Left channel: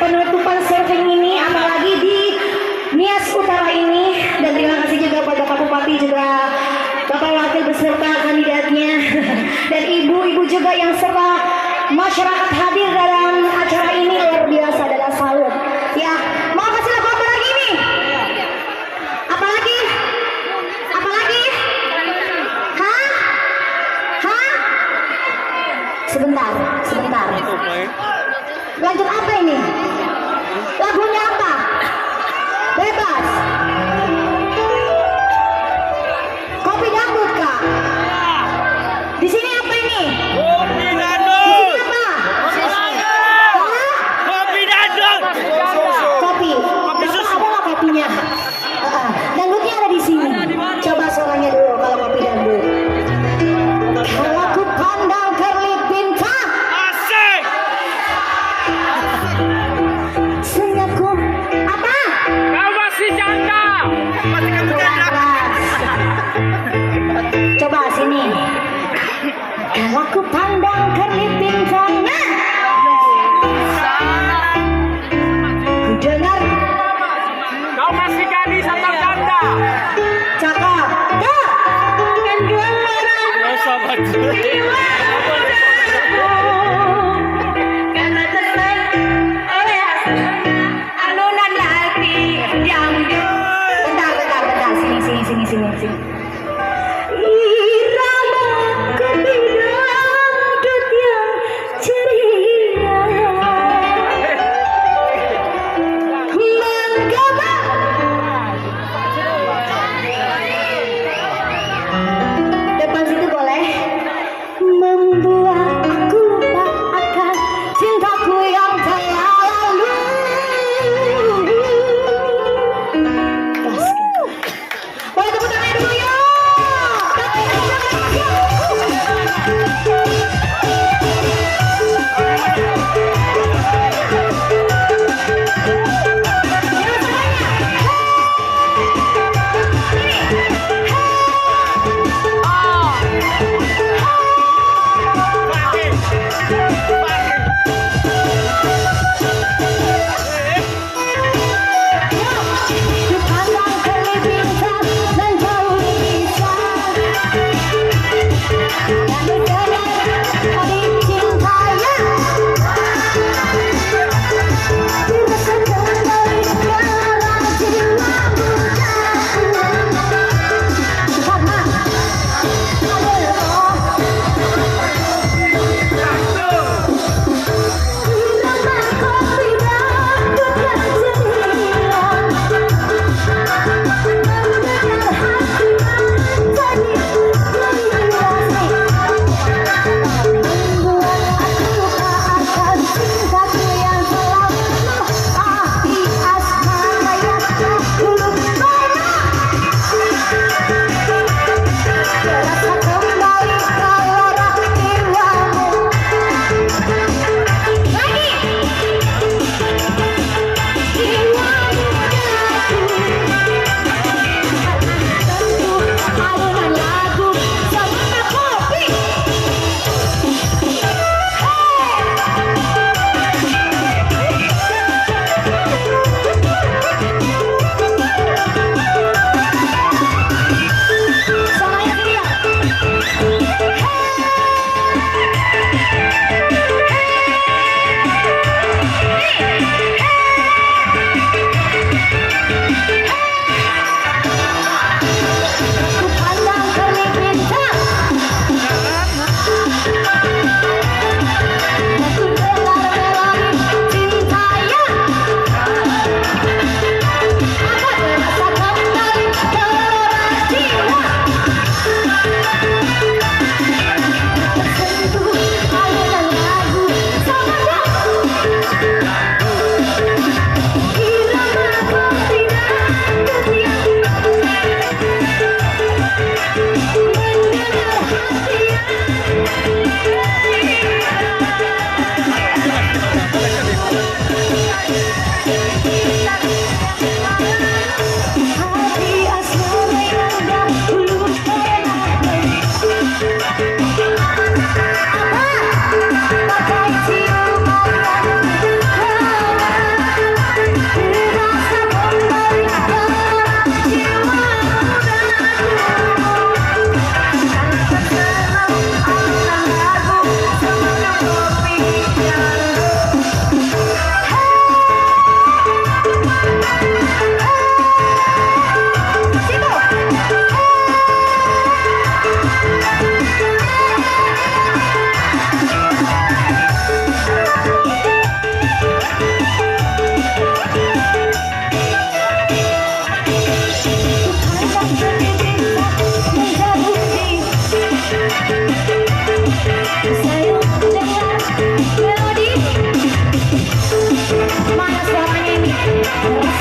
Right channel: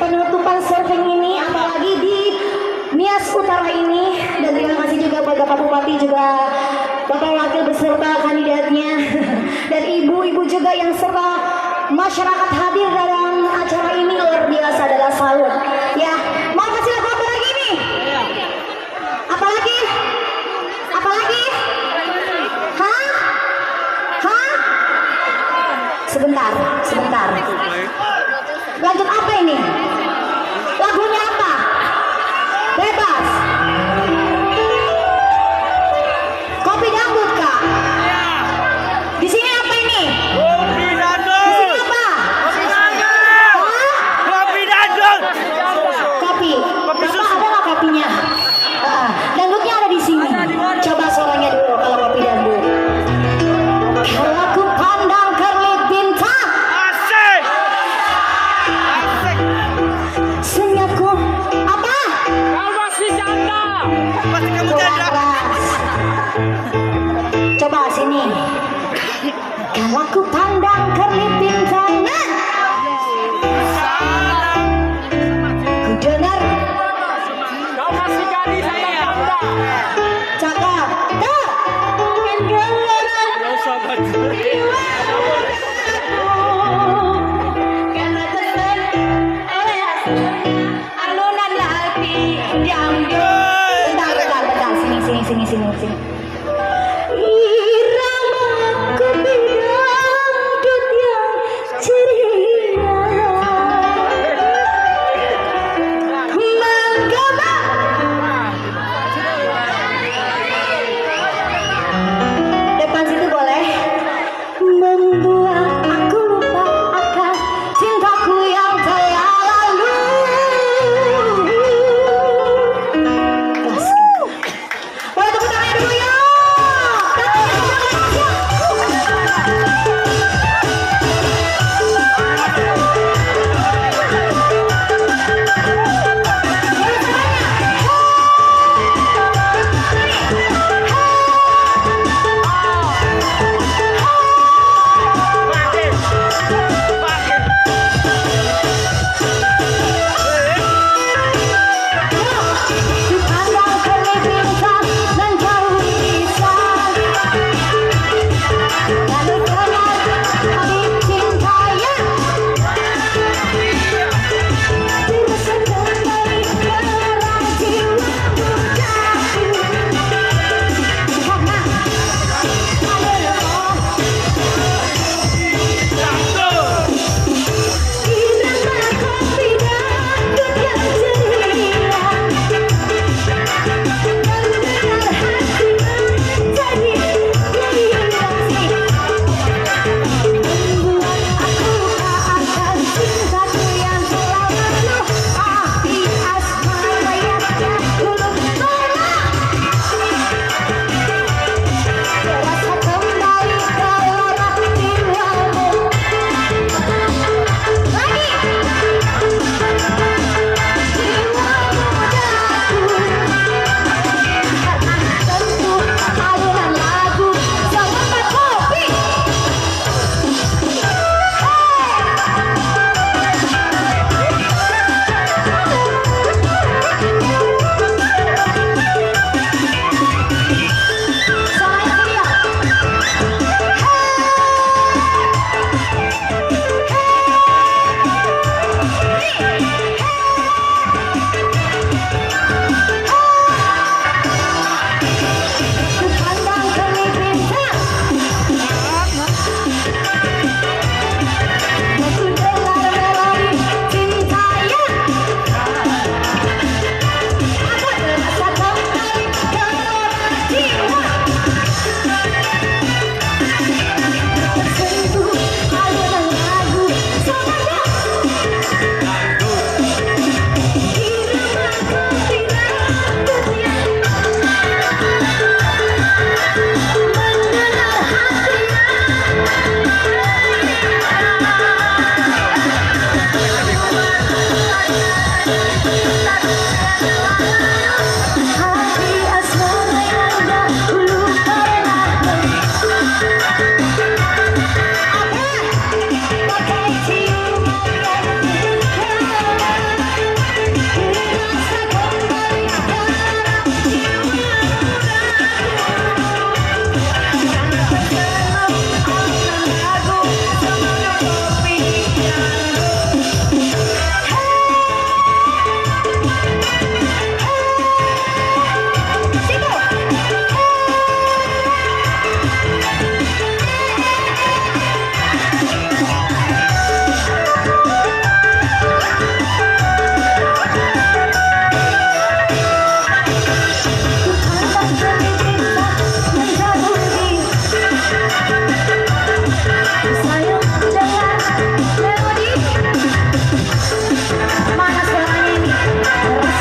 penutupan surfing ini, apalagi di Nias Utara ini. Dan terima kasih juga buat Bapak Bupati, juga Bapak Wakil beserta kandidatnya, dan ibu-ibu juga yang serta masyarakat hadir dalam acara ini. Luar biasa, adalah salut. Ya, mau kasih lagu apa lagi nih? Apa lagi? Apa lagi? Hah? Hah? Sebentar, sebentar. Lanjut apa ini? Lagunya apa? Bebas. Kopi dangdut kak. Di sini apa ini? Kopi dangdut. Di sini apa? Kopi dangdut. Kopi. Kopi Bapak susu. ada nggak kopinya? Dangdutnya ada di sini. Coba suaranya dulu kalau kopi dangdut. Kalau aku pandang kerlip bintang, Asik. Asik. senyapku apa? Kau masih janda. Masih kamu janda. Coba sini. Kalau aku pandang kerlip bintang, ku dengar Kau masih gadis atau janda? cakap. Tak. Karena teman alunan hati yang bentar, sini. Irama kopi dangdut yang ceria menggaba. Depan situ boleh. Membuat aku lupa akan cintaku yang telah lalu. Boleh tepuk tangan dulu yuk. Dipandang kerlip bintang dan jauh risau, lalu dengar adik cintanya dirasakan baik dalam jiwaku. Karena irama kopi dangdut yang ceria mendengar hati menjadi giliran, membuat aku akan cintaku yang selalu di asmara yang dulu pernah terasa kembali gelora jiwamu. Lagi jiwamu tentu alunan lagu sama kopi. Semuanya teriak. Dipandang kerlip bintang, aku dengar melodi cintanya. Aku merasakan baik gelora jiwa, tersentuh alunan lagu sama irama kopi dangdut yang mendengar hati hati asmara yang dahulu pernah. Apa? Pakai ciuman yang Harus